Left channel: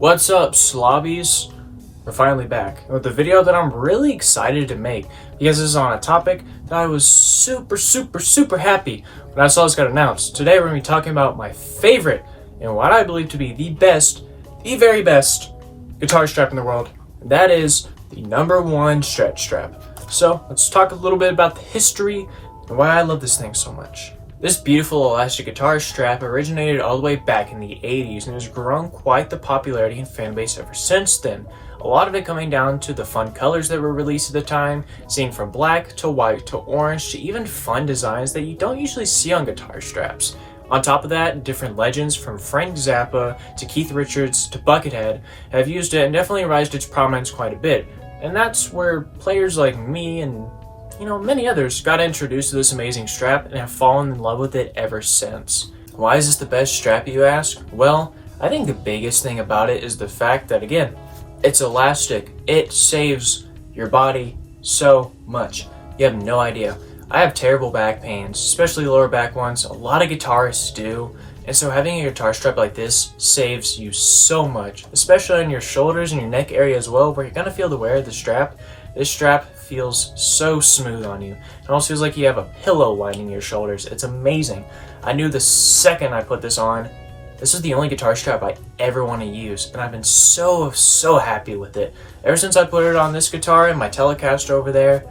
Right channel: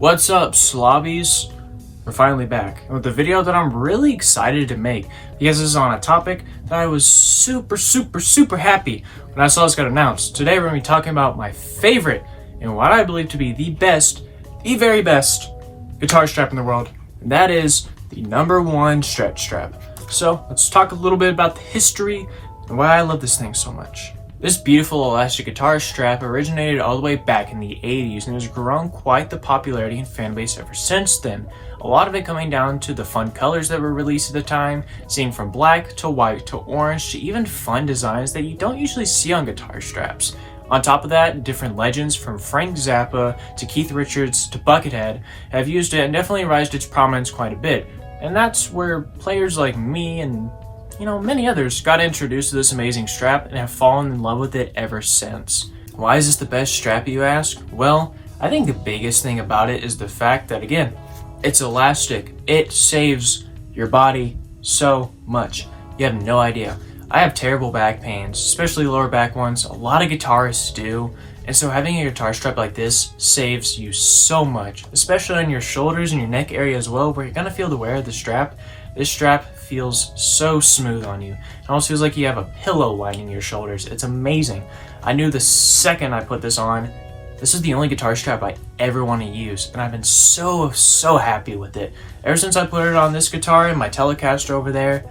What's up, slobbies? We're finally back with a video that I'm really excited to make because this is on a topic that I was super happy when I saw this got announced. Today we're going to be talking about my favorite and what I believe to be the very best guitar strap in the world, and that is the No.1 stretch strap. So let's talk a little bit about the history and why I love this thing so much. This beautiful elastic guitar strap originated all the way back in the 80s and has grown quite the popularity and fan base ever since then. A lot of it coming down to the fun colors that were released at the time, seeing from black to white to orange to even fun designs that you don't usually see on guitar straps. On top of that, different legends from Frank Zappa to Keith Richards to Buckethead have used it and definitely raised its prominence quite a bit. And that's where players like me and many others got introduced to this amazing strap and have fallen in love with it ever since. Why is this the best strap, you ask? Well, I think the biggest thing about it is the fact that, again, it's elastic. It saves your body so much. You have no idea. I have terrible back pains, especially lower back ones. A lot of guitarists do. And so having a guitar strap like this saves you so much, especially on your shoulders and your neck area as well, where you're going to feel the wear of the strap. This strap feels so smooth on you. It almost feels like you have a pillow lining your shoulders. It's amazing. I knew the second I put this on, this is the only guitar strap I ever want to use, and I've been so happy with it. Ever since I put it on this guitar and my Telecaster over there,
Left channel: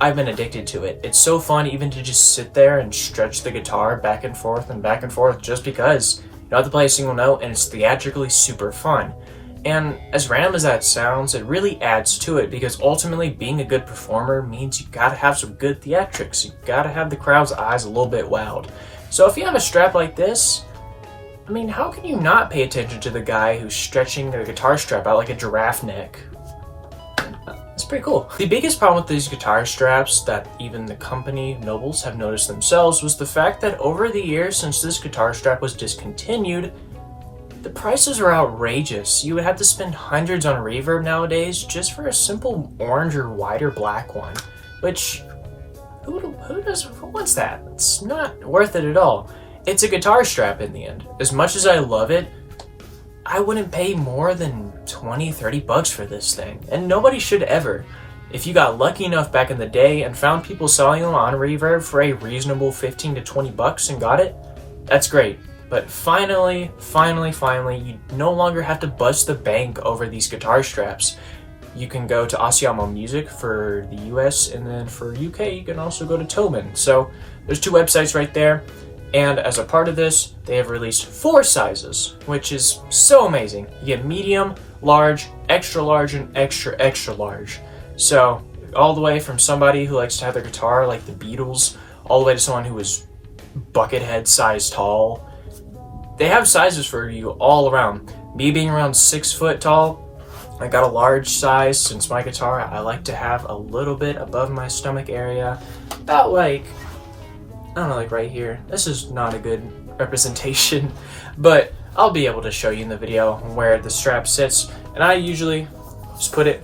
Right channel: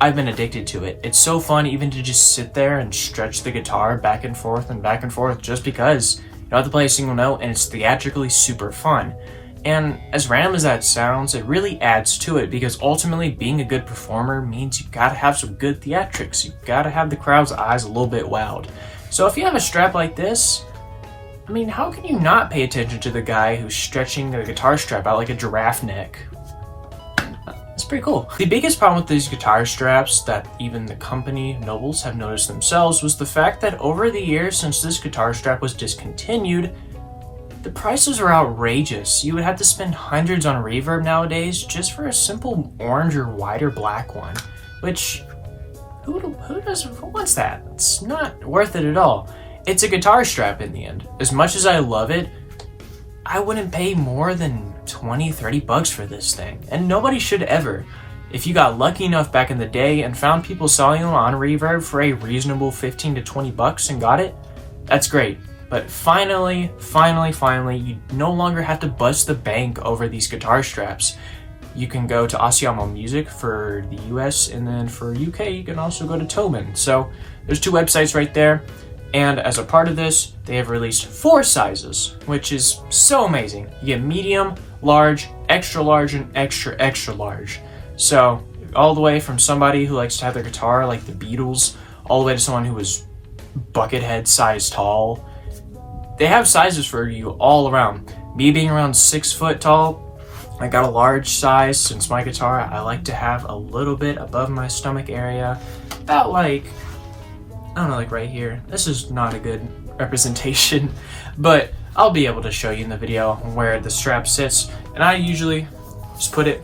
I've been addicted to it. It's so fun even to just sit there and stretch the guitar back and forth just because you don't have to play a single note, and it's theatrically super fun. And as random as that sounds, it really adds to it because ultimately being a good performer means you gotta have some good theatrics. You gotta have the crowd's eyes a little bit wowed. So if you have a strap like this, I mean, how can you not pay attention to the guy who's stretching the guitar strap out like a giraffe neck? It's pretty cool. The biggest problem with these guitar straps that even the company nobles have noticed themselves was the fact that over the years since this guitar strap was discontinued, the prices are outrageous. You would have to spend hundreds on reverb nowadays just for a simple orange or white or black one, which who wants that? It's not worth it at all. It's a guitar strap in the end. As much as I love it, I wouldn't pay more than 20-30 bucks for this thing, and nobody should ever. If you got lucky enough back in the day and found people selling them on reverb for a reasonable 15 to 20 bucks and got it, that's great. But finally, you no longer have to bust the bank over these guitar straps. You can go to Asiamo Music for the US, and then for UK, you can also go to Tobin. So there's two websites right there. And as a part of this, they have released 4 sizes, which is so amazing. You get medium, large, extra large, and extra large. So all the way from somebody who likes to have their guitar like the Beatles, all the way to someone who is Buckethead size tall. They have sizes for you all around. Me being around 6 foot tall, I got a large size since my guitar I like to have a little bit above my stomach area. About like, I don't know, like right here. This is not a good representation, but I'll be able to show you in the video where the strap sits. And I usually just put it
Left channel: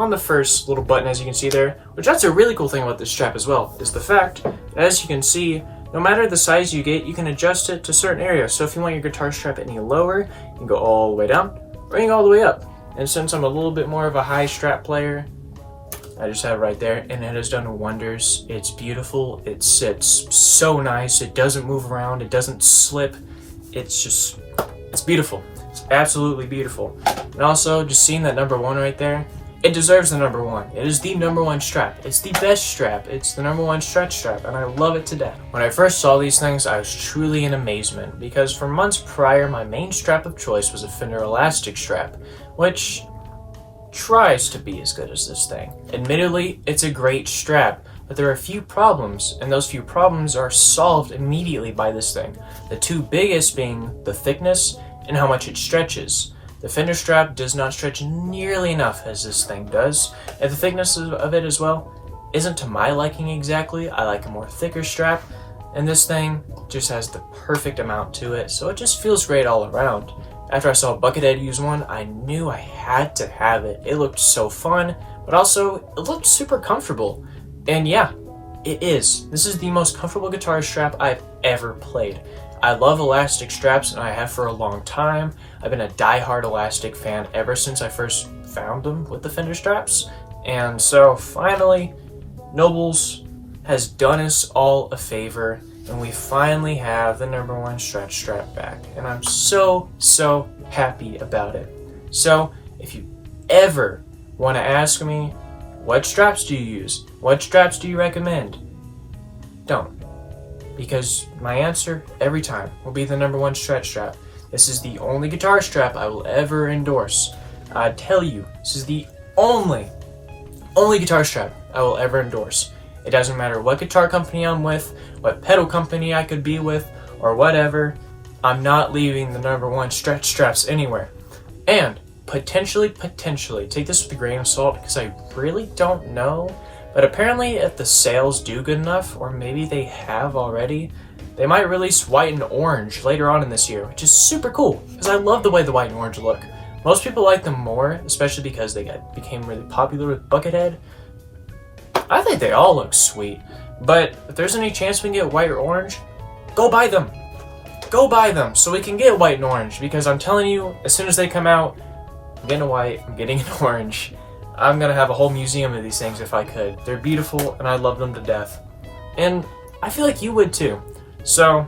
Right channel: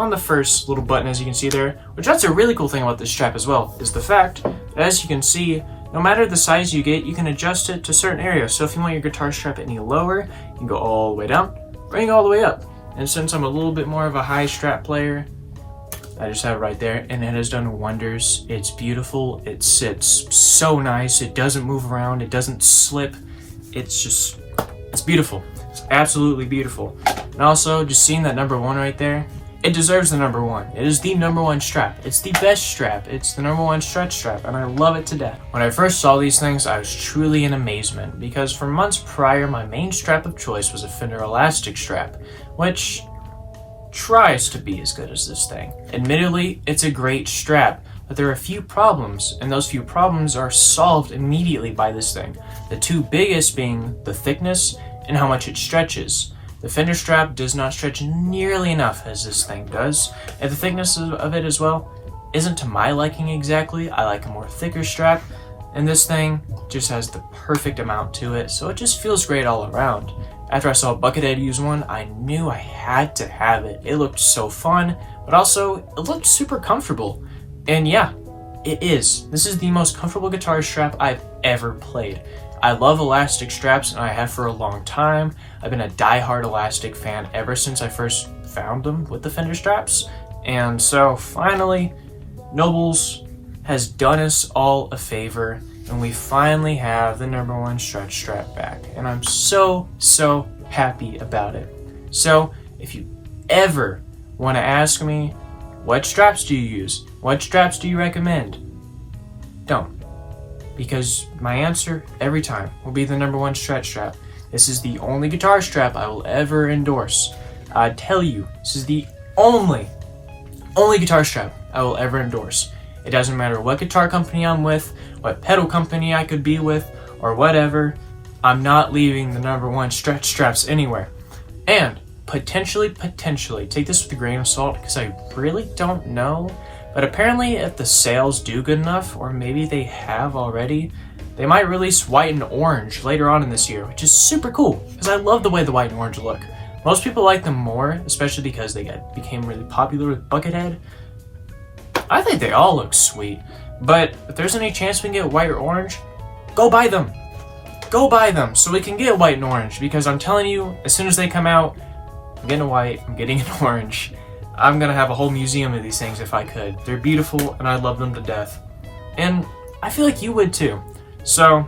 on the first little button, as you can see there, which that's a really cool thing about this strap as well, is the fact that, as you can see, no matter the size you get, you can adjust it to certain areas. So if you want your guitar strap any lower, you can go all the way down, bring it all the way up. And since I'm a little bit more of a high strap player, I just have it right there, and it has done wonders. It's beautiful. It sits so nice. It doesn't move around. It doesn't slip. It's beautiful. It's absolutely beautiful. And also, just seeing that No.1 right there, it deserves the No.1. It is the No.1 strap. It's the best strap. It's the No.1 stretch strap, and I love it to death. When I first saw these things, I was truly in amazement, because for months prior, my main strap of choice was a Fender elastic strap, which tries to be as good as this thing. Admittedly, it's a great strap, but there are a few problems, and those few problems are solved immediately by this thing. The two biggest being the thickness and how much it stretches. The Fender strap does not stretch nearly enough as this thing does, and the thickness of it as well isn't to my liking exactly. I like a more thicker strap, and this thing just has the perfect amount to it, so it just feels great all around. After I saw Buckethead use one, I knew I had to have it. It looked so fun, but also it looked super comfortable. And yeah, it is. This is the most comfortable guitar strap I've ever played. I love elastic straps, and I have for a long time. I've been a die-hard elastic fan ever since I first found them with the fender straps. And so finally, Nobles has done us all a favor, and we finally have the #1 stretch strap back. And I'm so happy about it. So if you ever want to ask me, what straps do you use? What straps do you recommend? Don't. Because my answer every time will be the #1 stretch strap. This is the only guitar strap I will ever endorse. I tell you, this is the only guitar strap I will ever endorse. It doesn't matter what guitar company I'm with, what pedal company I could be with, or whatever. I'm not leaving the #1 stretch straps anywhere. And potentially, take this with a grain of salt, because I really don't know. But apparently if the sales do good enough, or maybe they have already, they might release white and orange later on in this year, which is super cool, because I love the way the white and orange look. Most people like them more, especially because they became really popular with Buckethead. I think they all look sweet, but if there's any chance we can get white or orange, go buy them. Go buy them so we can get white and orange, because I'm telling you, as soon as they come out, I'm getting a white, I'm getting an orange. I'm gonna have a whole museum of these things if I could. They're beautiful and I love them to death. And I feel like you would too. So,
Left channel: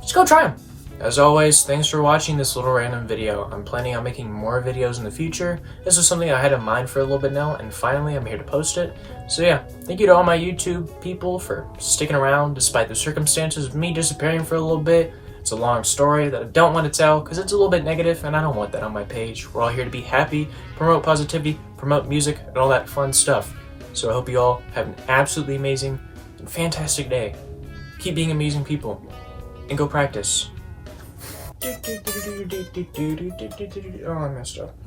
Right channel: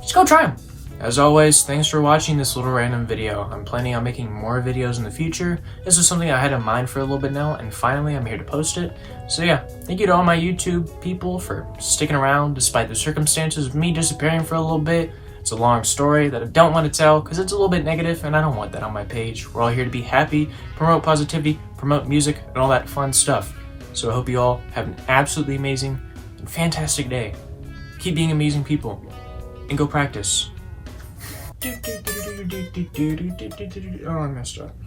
just go try them. As always, thanks for watching this little random video. I'm planning on making more videos in the future. This was something I had in mind for a little bit now, and finally I'm here to post it. So yeah, thank you to all my YouTube people for sticking around despite the circumstances of me disappearing for a little bit. It's a long story that I don't want to tell because it's a little bit negative, and I don't want that on my page. We're all here to be happy, promote positivity, promote music, and all that fun stuff. So I hope you all have an absolutely amazing and fantastic day. Keep being amazing people, and go practice. Oh, I messed up.